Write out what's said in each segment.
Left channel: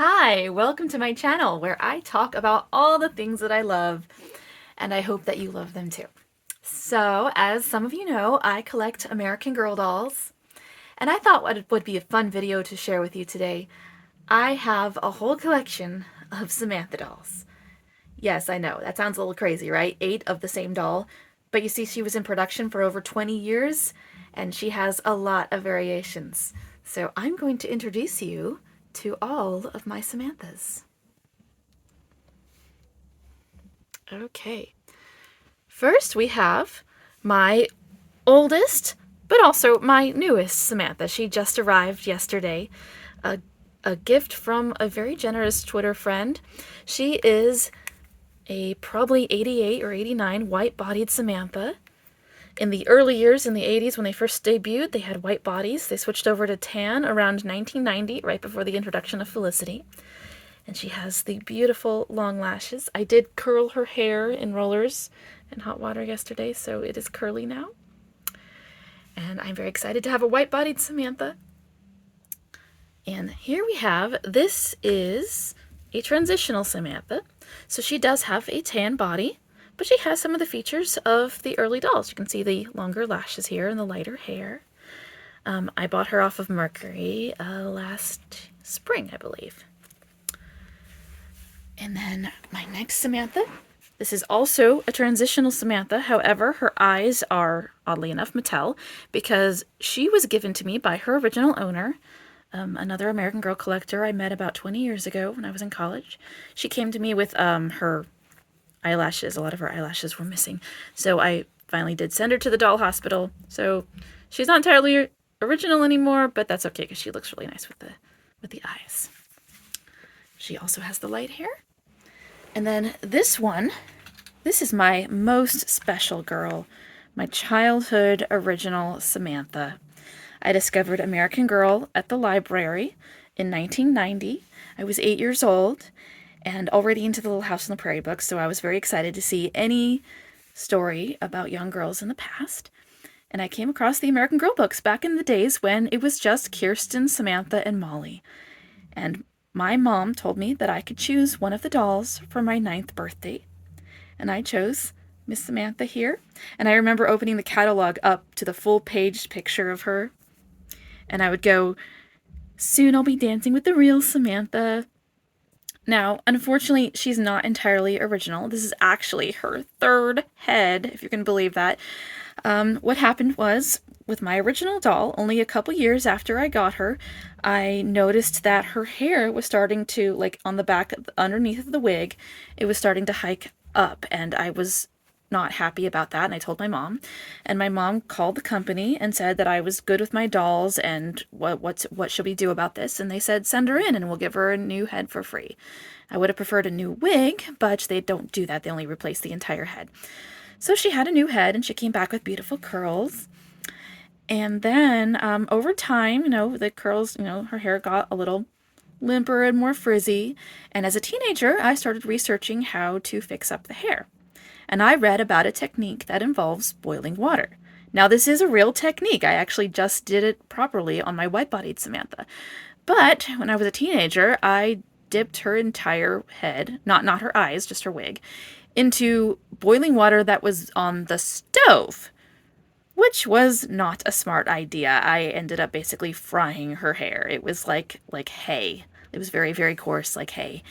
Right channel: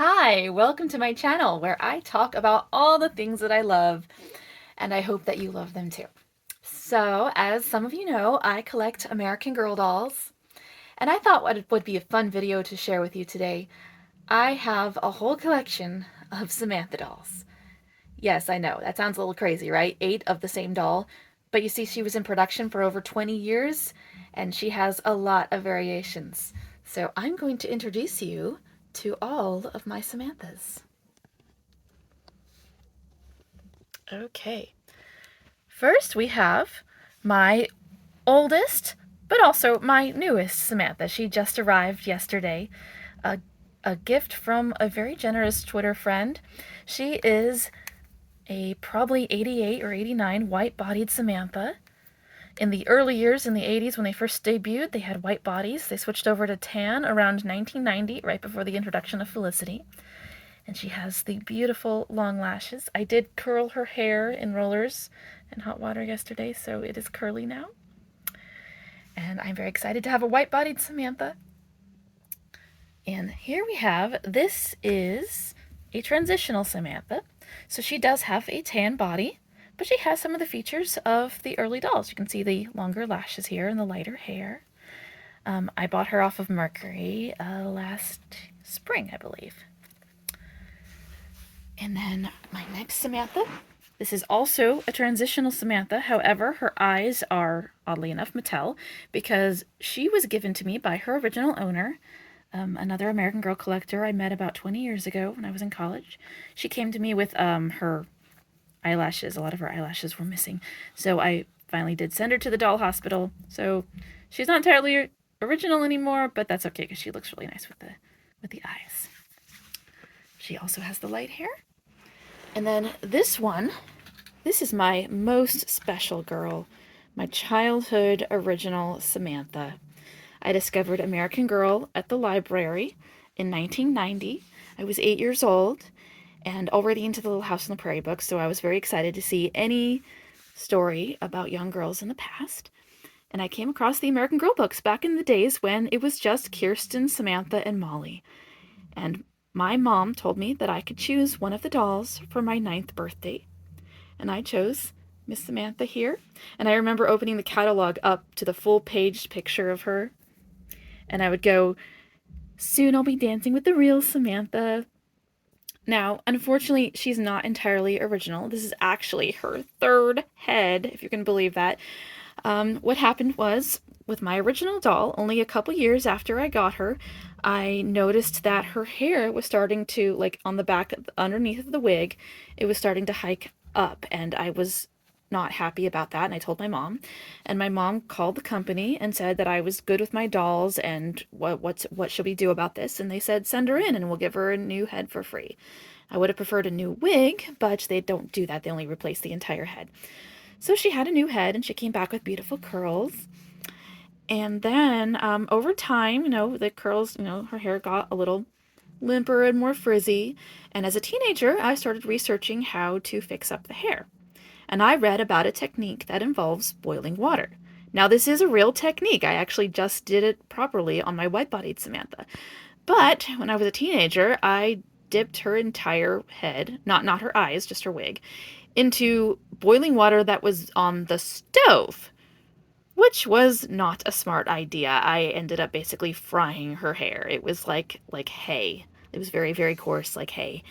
Hi, welcome to my channel where I talk about all the things that I love, and I hope that you love them too. So, as some of you know, I collect American Girl dolls, and I thought what it would be a fun video to share with you today. I have a whole collection of Samantha dolls. Yes, I know, that sounds a little crazy, right? 8 of the same doll, but you see she was in production for over 20 years, and she has a lot of variations. So I'm going to introduce you to all of my Samanthas. Okay, first we have my oldest, but also my newest Samantha. She just arrived yesterday. A, a gift from a very generous Twitter friend. She is a probably 88 or 89 white-bodied Samantha. In the early years, in the 80s, when they first debuted, they had white bodies. They switched over to tan around 1990, right before the introduction of Felicity. And she has the beautiful long lashes. I did curl her hair in rollers in hot water yesterday, so it is curly now. And I'm very excited to have a white-bodied Samantha. And here we have, this is a transitional Samantha. So she does have a tan body, but she has some of the features of the early dolls. You can see the longer lashes here and the lighter hair. I bought her off of Mercury last spring, I believe. And then my next Samantha, this is also a transitional Samantha. However, her eyes are, oddly enough, Mattel, because she was given to me by her original owner, another American Girl collector I met about 20 years ago when I was in college. She came to me with her eyelashes. A lot of her eyelashes were missing. So I finally did send her to the doll hospital. So she's not entirely original anymore, but that's okay because she looks really nice with the eyes. She also has the light hair. And then this one, this is my most special girl, my childhood original Samantha. I discovered American Girl at the library in 1990. I was 8 years old and already into the Little House on the Prairie books, so I was very excited to see any story about young girls in the past. And I came across the American Girl books back in the days when it was just Kirsten, Samantha, and Molly. And my mom told me that I could choose one of the dolls for my 9th birthday. And I chose Miss Samantha here. And I remember opening the catalog up to the full page picture of her. And I would go, soon I'll be dancing with the real Samantha. Now, unfortunately, she's not entirely original. This is actually her 3rd head, if you can believe that. What happened was, with my original doll, only a couple years after I got her, I noticed that her hair was starting to, like on the back, underneath of the wig, it was starting to hike up, and I was not happy about that, and I told my mom. And my mom called the company and said that I was good with my dolls, and what should we do about this? And they said, send her in, and we'll give her a new head for free. I would have preferred a new wig, but they don't do that. They only replace the entire head. So she had a new head, and she came back with beautiful curls. And then over time, the curls, her hair got a little limper and more frizzy. And as a teenager, I started researching how to fix up the hair. And I read about a technique that involves boiling water. Now, this is a real technique. I actually just did it properly on my white-bodied Samantha. But when I was a teenager, I dipped her entire head, not her eyes, just her wig, into boiling water that was on the stove, which was not a smart idea. I ended up basically frying her hair. It was like hay. It was very, very coarse, like hay.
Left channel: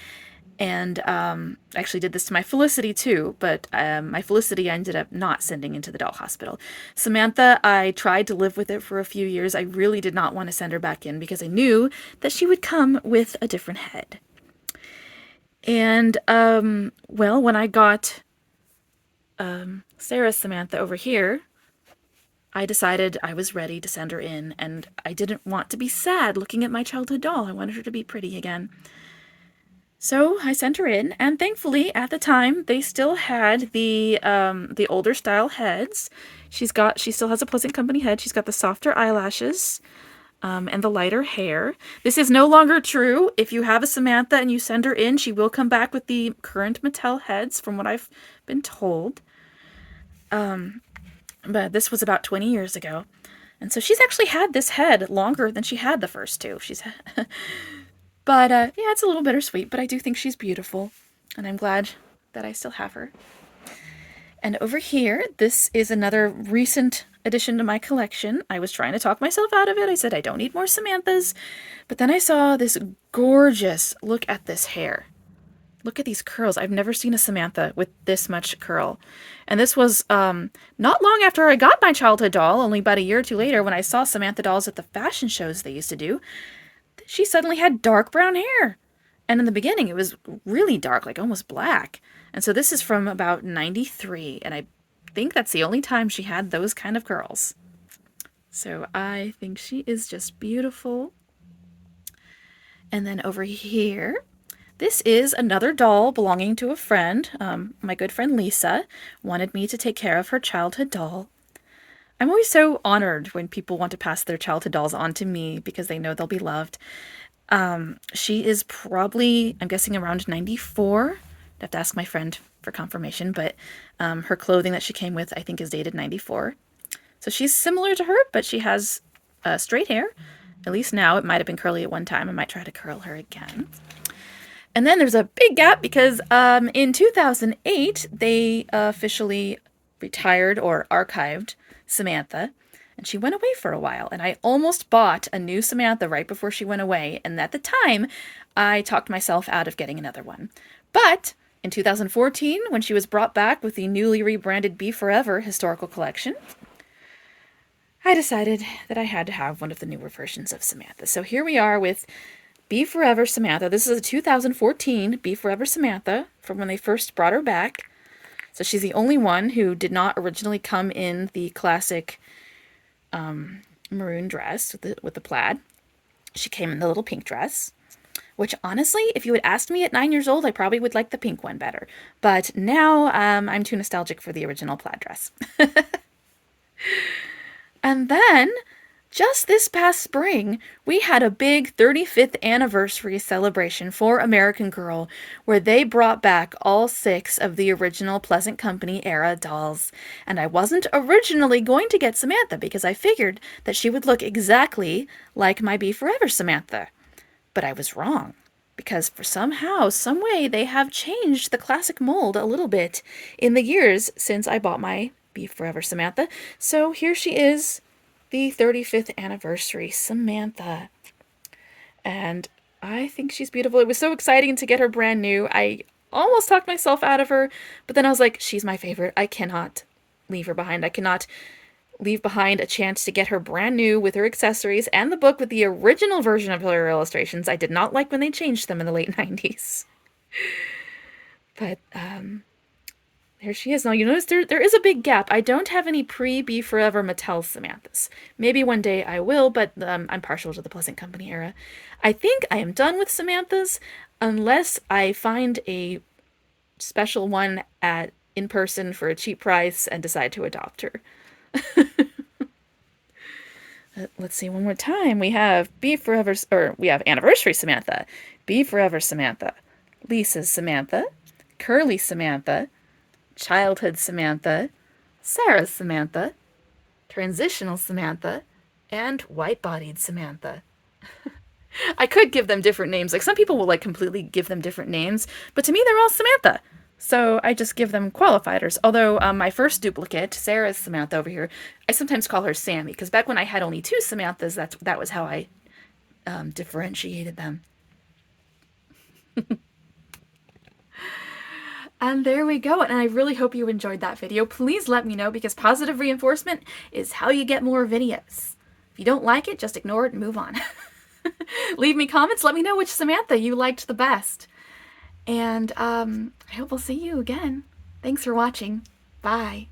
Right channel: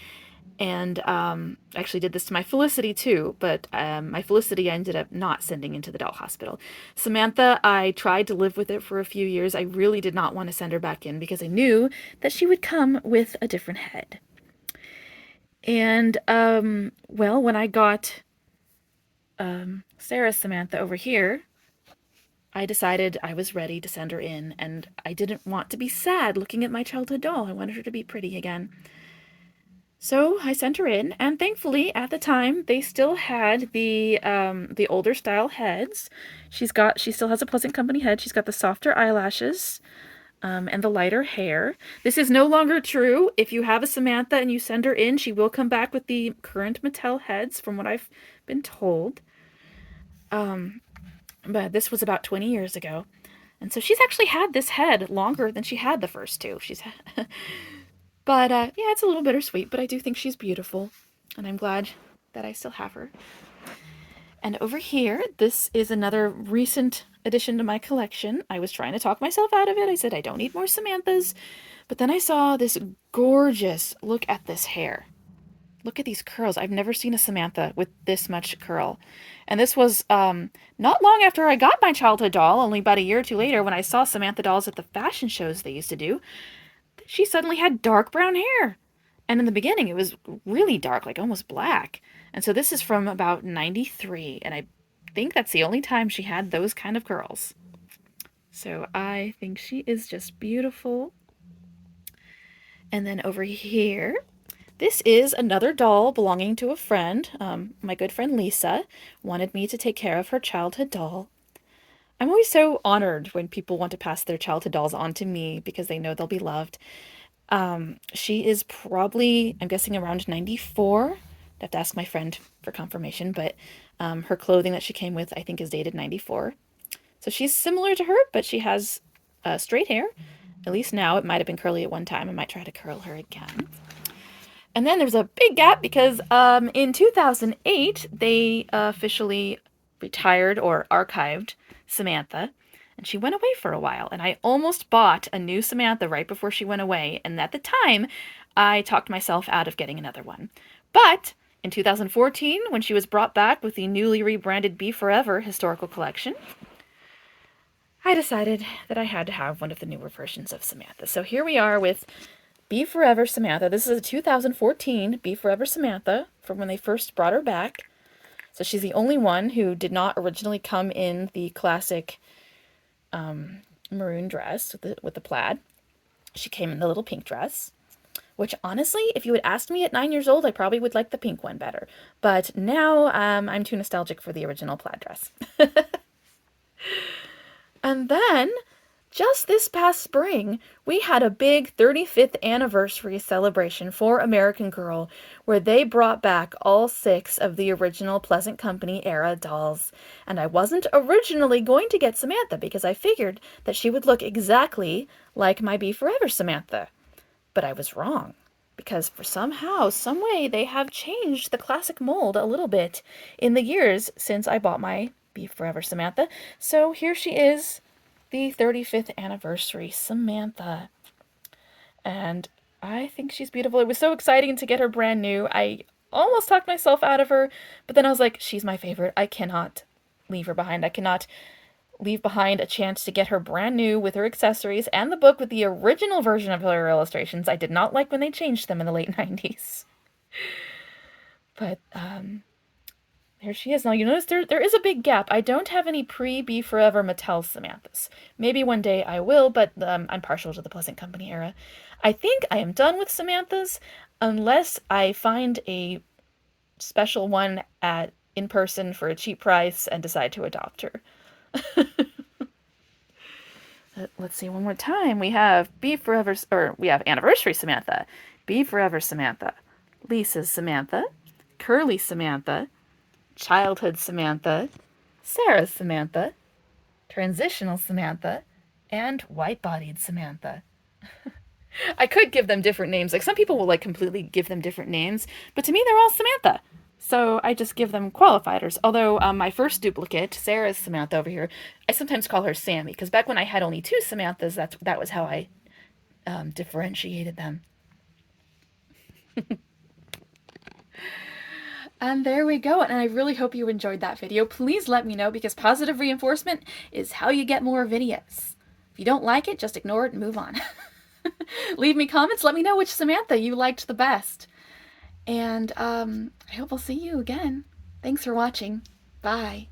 And I actually did this to my Felicity too, but my Felicity I ended up not sending into the doll hospital. Samantha, I tried to live with it for a few years. I really did not want to send her back in because I knew that she would come with a different head. And, well, when I got Sarah Samantha over here, I decided I was ready to send her in, and I didn't want to be sad looking at my childhood doll. I wanted her to be pretty again. So I sent her in, and thankfully, at the time, they still had the older style heads. She still has a Pleasant Company head. She's got the softer eyelashes, and the lighter hair. This is no longer true. If you have a Samantha and you send her in, she will come back with the current Mattel heads, from what I've been told. But this was about 20 years ago. And so she's actually had this head longer than she had the first two. But yeah, it's a little bittersweet, but I do think she's beautiful, and I'm glad that I still have her. And over here, this is another recent addition to my collection. I was trying to talk myself out of it. I said, I don't need more Samanthas. But then I saw this gorgeous, look at this hair. Look at these curls. I've never seen a Samantha with this much curl. And this was not long after I got my childhood doll, only about a year or two later, when I saw Samantha dolls at the fashion shows they used to do. She suddenly had dark brown hair. And in the beginning, it was really dark, like almost black. And so this is from about 93, and I think that's the only time she had those kind of curls. So I think she is just beautiful. And then over here, this is another doll belonging to a friend. My good friend Lisa wanted me to take care of her childhood doll. I'm always so honored when people want to pass their childhood dolls on to me because they know they'll be loved. She is probably, I'm guessing, around 94. I'd have to ask my friend for confirmation, but her clothing that she came with, I think, is dated 94. So she's similar to her, but she has straight hair. At least now. It might have been curly at one time. I might try to curl her again. And then there's a big gap because in 2008, they officially retired or archived Samantha, and she went away for a while. And I almost bought a new Samantha right before she went away. And at the time, I talked myself out of getting another one. But in 2014, when she was brought back with the newly rebranded Be Forever historical collection, I decided that I had to have one of the newer versions of Samantha. So here we are with Be Forever Samantha. This is a 2014 Be Forever Samantha from when they first brought her back. So she's the only one who did not originally come in the classic maroon dress with the plaid. She came in the little pink dress, which honestly, if you had asked me at 9 years old, I probably would like the pink one better. But now I'm too nostalgic for the original plaid dress. And then, just this past spring, we had a big 35th anniversary celebration for American Girl, where they brought back all 6 of the original Pleasant Company era dolls. And I wasn't originally going to get Samantha because I figured that she would look exactly like my Be Forever Samantha. But I was wrong, because for somehow, some way, they have changed the classic mold a little bit in the years since I bought my Be Forever Samantha. So here she is, the 35th anniversary Samantha. And I think she's beautiful. It was so exciting to get her brand new. I almost talked myself out of her, but then I was like, she's my favorite. I cannot leave her behind. I cannot leave behind a chance to get her brand new with her accessories and the book with the original version of her illustrations. I did not like when they changed them in the late 90s. But there she is. Now, you notice there is a big gap. I don't have any pre-Be Forever Mattel Samanthas. Maybe one day I will, but I'm partial to the Pleasant Company era. I think I am done with Samanthas unless I find a special one in person for a cheap price and decide to adopt her. Let's see one more time. We have we have Anniversary Samantha, Be Forever Samantha, Lisa's Samantha, Curly Samantha, Childhood Samantha, Sarah's Samantha, Transitional Samantha, and White-Bodied Samantha. I could give them different names. Like, some people will completely give them different names, but to me they're all Samantha. So I just give them qualifiers. Although my first duplicate, Sarah's Samantha over here, I sometimes call her Sammy, because back when I had only 2 Samanthas, that was how I differentiated them. And there we go, and I really hope you enjoyed that video. Please let me know, because positive reinforcement is how you get more videos. If you don't like it, just ignore it and move on. Leave me comments, let me know which Samantha you liked the best. And I hope I'll see you again. Thanks for watching. Bye.